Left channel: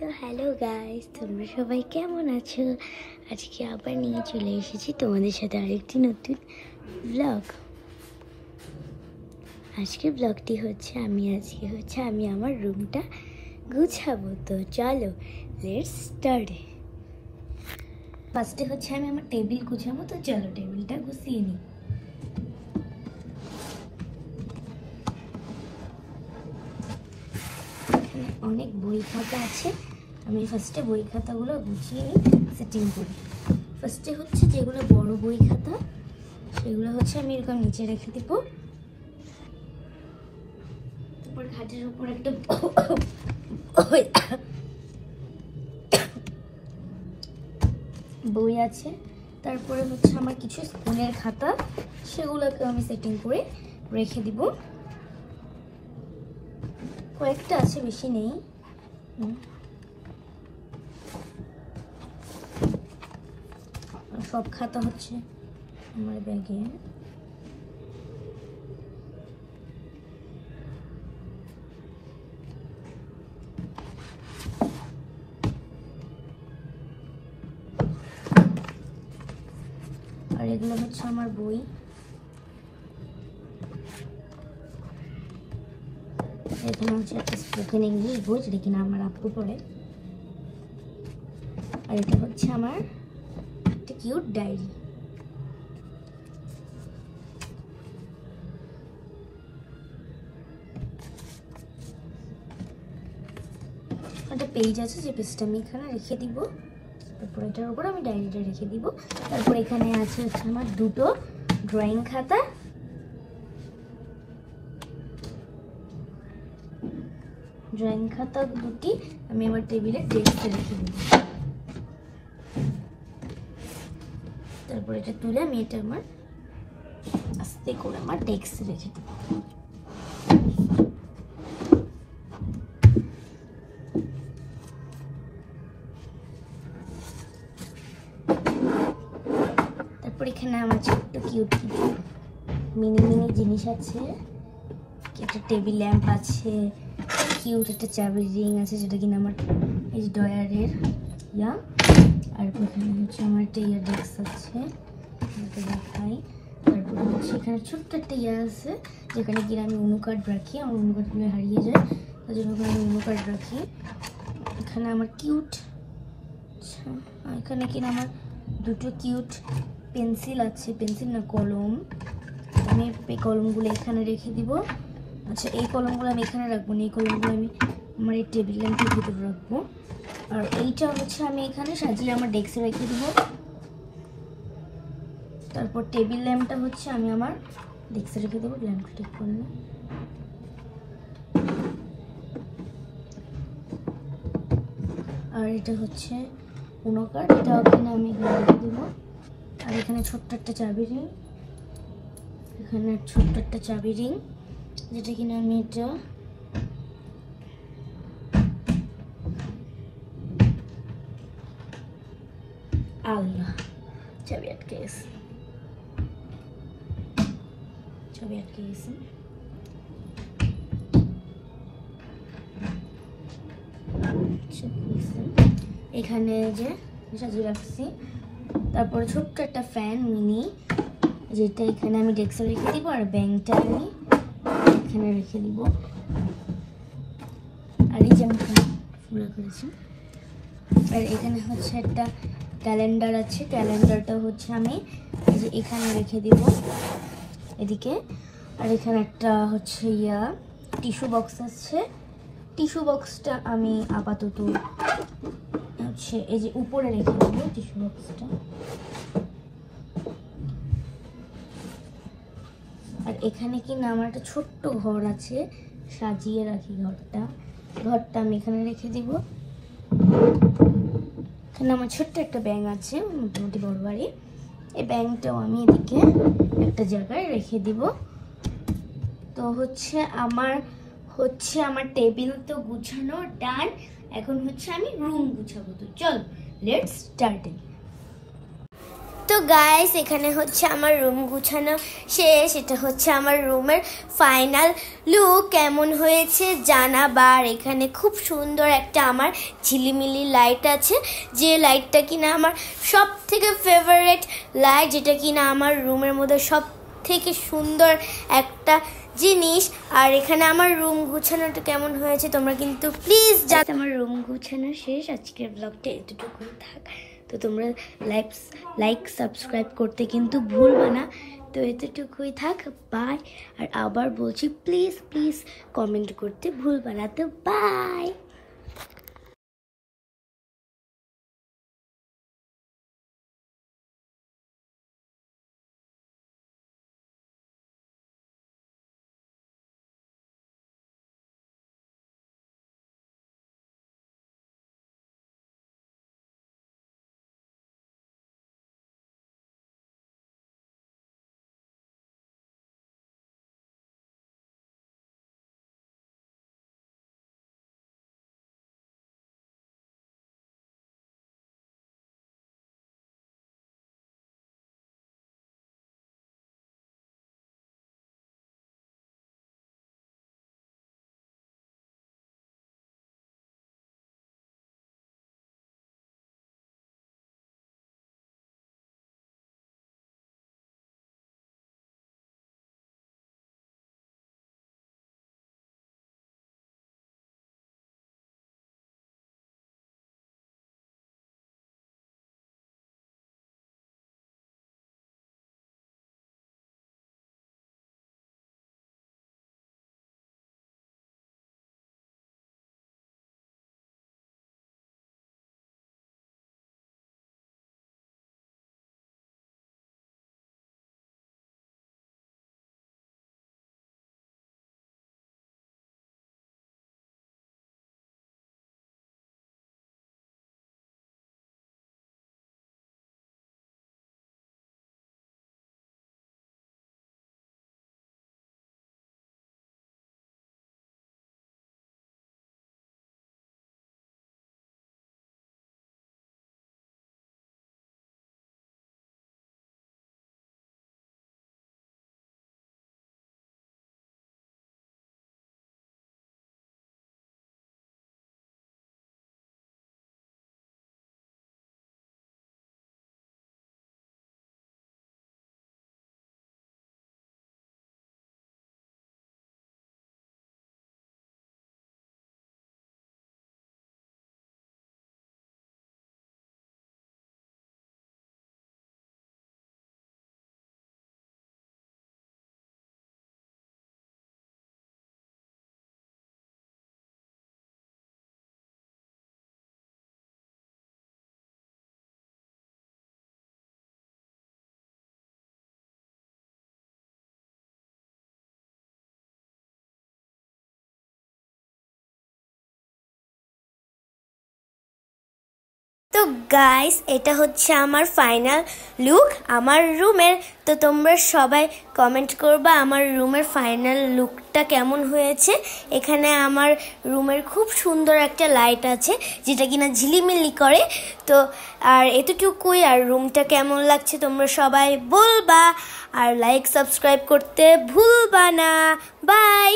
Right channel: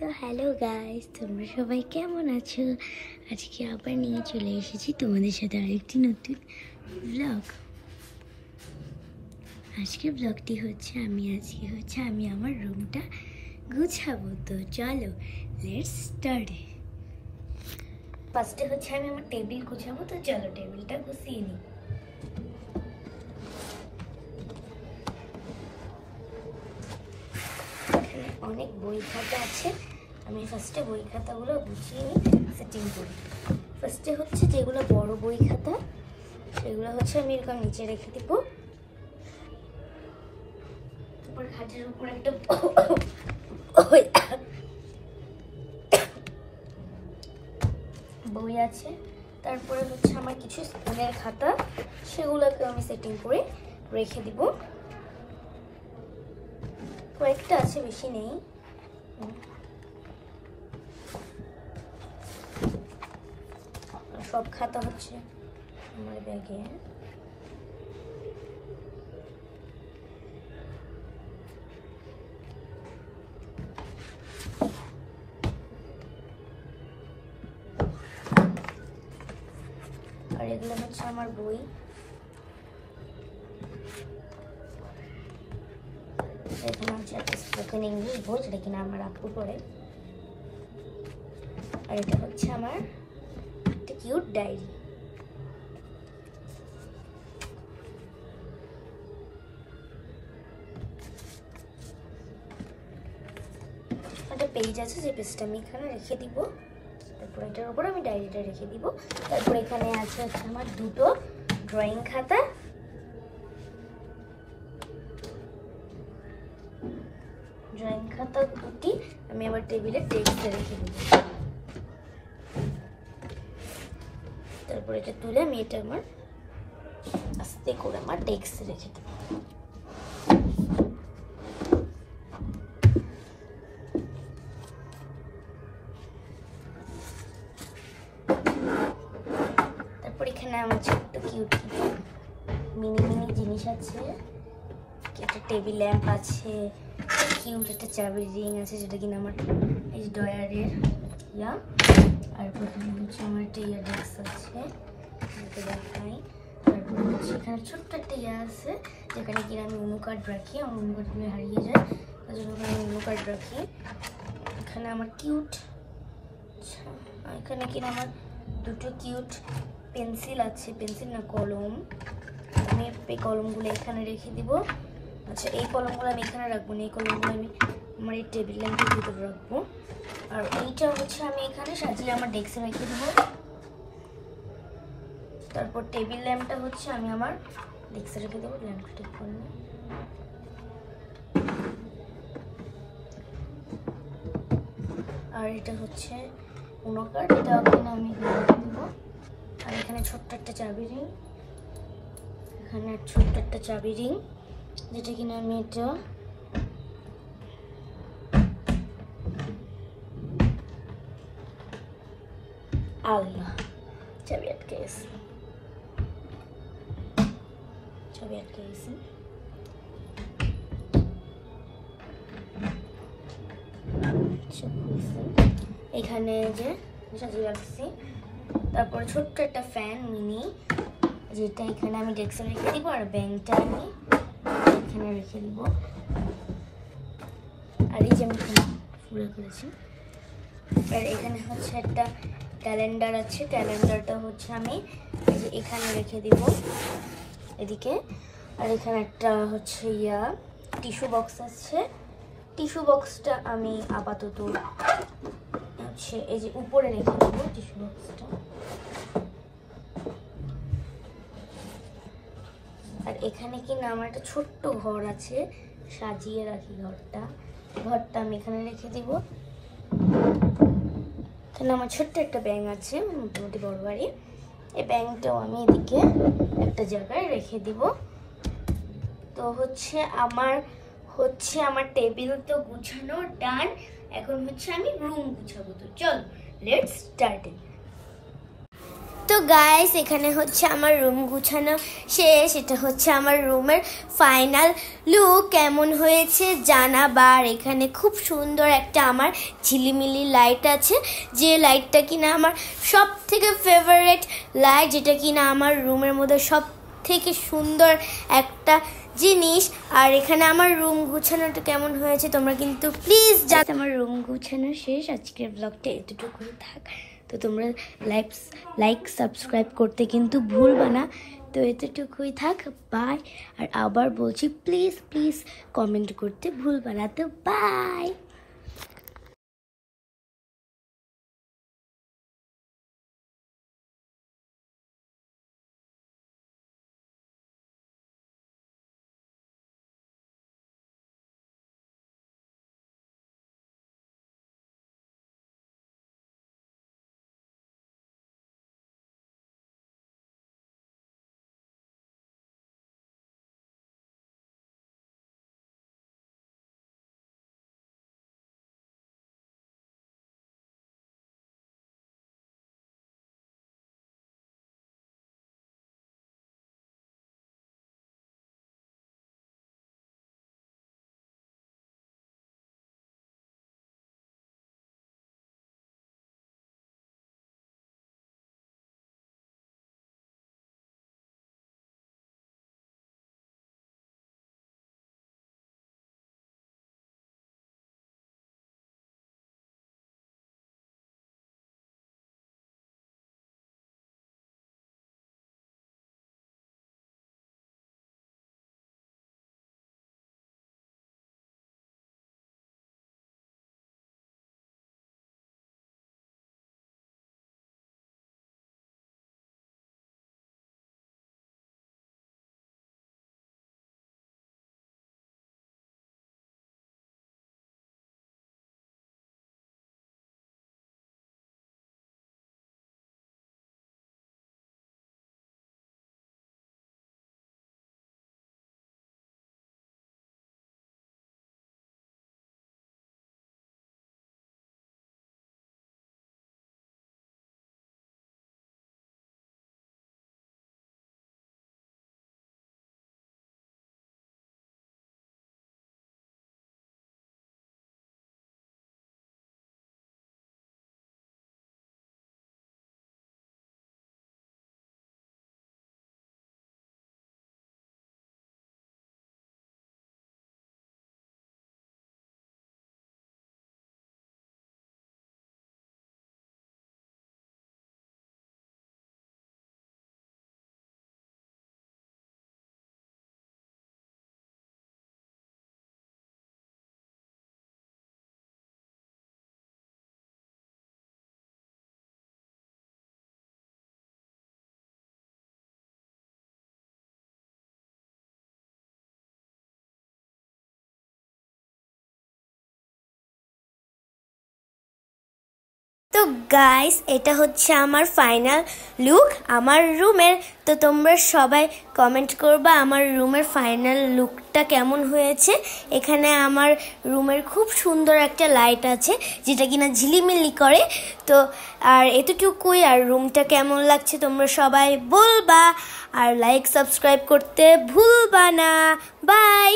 তো hello guys, তোমরা সবাই কেমন আছো? আজকে আবার নিয়ে চলে এসেছি তোমাদের সাথে আরেকটি নতুন ব্লগ। আজকে ব্লগটি হচ্ছে আমি আমার রুমটা গুছাবো। তো চলো লেটস স্টার্ট। ফার্স্টে হচ্ছে আমি আমার টেবিল গুছাবো। তো চলো টেবিলটা গুছিয়ে নিই। অনেক বই খাতা আছে, আমি ফার্স্টে বই খাতাগুলো গুছিয়ে নিই, সেটিং করি। ফার্স্টে হচ্ছে যেগুলো বড় বই খাতা সেগুলো হচ্ছে আমি এরকম নিচে রেখে দিব। তারপর খাটের উপর একটা বই আছে। তারপরে হচ্ছে আমার কিছু স্কুলের খাতা, সেগুলোকে আমি সেটিং করে রেখে দিব। কয়েকটা আছে, বেশি নেই। সব খাতা হচ্ছে আমার ব্যাগে। আর এগুলো হচ্ছে আমার বই। এখানে হচ্ছে একটা স্পোকেন ইংলিশ বই, যেটা কিনা আমার আপু পড়ে। আর এটা হচ্ছে আমার একটা কিউট ডায়েরি। একটা পেজ আছে, যে পেজটা আমি এখানে রেখে দিব। তারপর এটার উপর আমি ডায়েরিটা রেখে দিব। তারপর এখানে আছে হচ্ছে আমার দুটো ড্রয়িং খাতা। ড্রয়িং খাতা দুটি আমি আমার টেবিলে ডেস্কে রেখে দিব। তারপর এটা তুলে আমি এটা আমার আস্তে করে আমার ডেস্কে রেখে দেব। তারপর এখানে আমার ছোট্ট কিউট মিনি জিনিস আছে। একটা টেবিল ল্যাম্প আছে, কিউট একটা চাবির রিং আছে, যেটা কিনা আমার এই ডয়ারের ইয়া। আর এখানে হচ্ছে আমার একটা ইয়ার ডেস্ক আছে, দেখাই। তারপরে হচ্ছে এখানে ছোট্ট একটা ইয়া আছে, যেখানে কিনা আমি অনুকার্ড রাখি। আমার অনুকার্ডগুলো হারিয়ে যায়, তার জন্য আমি অনুকার্ড রাখি। এখানে আমার কিউট, আচ্ছা এখানে কিনা আমার দুটো কিউট পেন্সিল আছে, পেন্সিল না কলম। আমি এই কলমগুলো এখানে রেখে দিব। আচ্ছা এই কলমগুলো আমি এখানে রাখবো না, এই কলমগুলো আমি আমার এই টেবিল ল্যাম্পের ভিতরে রাখবো। আর এইটা হচ্ছে আমি এখানে সাজিয়ে আমার ডেস্কে রেখে দিব। তারপর টেবিল ল্যাম্পটা হচ্ছে আমি আমার ডেস্কে রেখে দেবো। ল্যাম্পটা ঠিক করলে, আর এটা হচ্ছে কোনো কার্ডটাও কিনা আমি রেখে দেবো। আর এখানে ছোট্ট একটা চাবি রিং, এখানে ছোট্ট একটা চাবি রিং, যেটা কিনা আমি এটা আল্লাহ চাবি আটকে গেছে, এখানে যে সাজিয়ে রাখছি। তারপরে ছোট্ট একটা ফ্যান মিনি, যেটা এখানে আমি ডেস্কে রেখে দিব। আর ব্যাংকটা আমি এখানে রেখে দিব। আর এই যে আমি ফুলে করেছি। আর এখানে হচ্ছে একটা ক্যালেন্ডার আছে, ক্যালেন্ডারটা হচ্ছে আমি যে এখানে রেখে দিব এদিকে। আর এখানে একটা হচ্ছে টিস্যু বক্স আছে। টিস্যু বক্সটা আমি আপাতত হচ্ছে এই যে উপরে রেখে দেবো টিস্যু বক্সটা। আর এখানে কি না আমার একটা ছোট্ট ঘর আছে, সাজিয়ে রাখি ঘরটা আমি এখানে রেখে দিব। এখানে আমার ছোট্ট একটা ব্যাঙ আছে, মোটামুটি বড় বাড়ি। এই ব্যাঙটাও আমি এদিকে একটা জায়গায় রেখে দিব। তো হচ্ছে আমার টেবিল তো গুছানো ডান। এখন হচ্ছে আমি রুম গুছাবো। তো চল লেটস স্টার্ট। তো তো গাইস এখানে হচ্ছে আমার রুম গুছানো শেষ। এটা হচ্ছে আমার রুমের ফাইনাল লুক। কেমন হয়েছে জানাবার। এখানে খুব সুন্দর একটা আমার ঝিলিমিলি লাইট আছে, যে লাইটটা কিনা আমার সব থেকে ফেভারিট লাইট, যেটা কিনা আমার রুমের মধ্যে সব থেকে সুন্দর একটা জিনিস। আর এখানে আমার রুম গুছানোটা কেমন হয়েছে তোমরা কিন্তু প্লিজ জানাও। আমার রুম গুছানো শেষ। আজকের ব্লগটা এতটুকুই থাক। তো তোমরা লাইক সাবস্ক্রাইব করতে কিন্তু ভুলবা না। তো এতটুকুই থাক, বাই। আর আবার বলছি প্লিজ কমেন্ট করতে ভুলবা না। তো বাই। তো গাইস এটা হচ্ছে আমার ফাইনাল লুক আমার রুমের। তো তোমরা সবাই কমেন্ট করবা আমার রুমের ফাইনাল লুকটা কেমন হয়েছে। এখানে আমার রুমের খুব সুন্দর একটা লাইট আছে, যেটা কিনা ঝিলিমিলি করে। তো আর এতটুকুই। আর রুমটা কেমন লাগছে তোমরা সবাই বলবা। আর লাইক সাবস্ক্রাইব করতে ভুলবা না। বাই।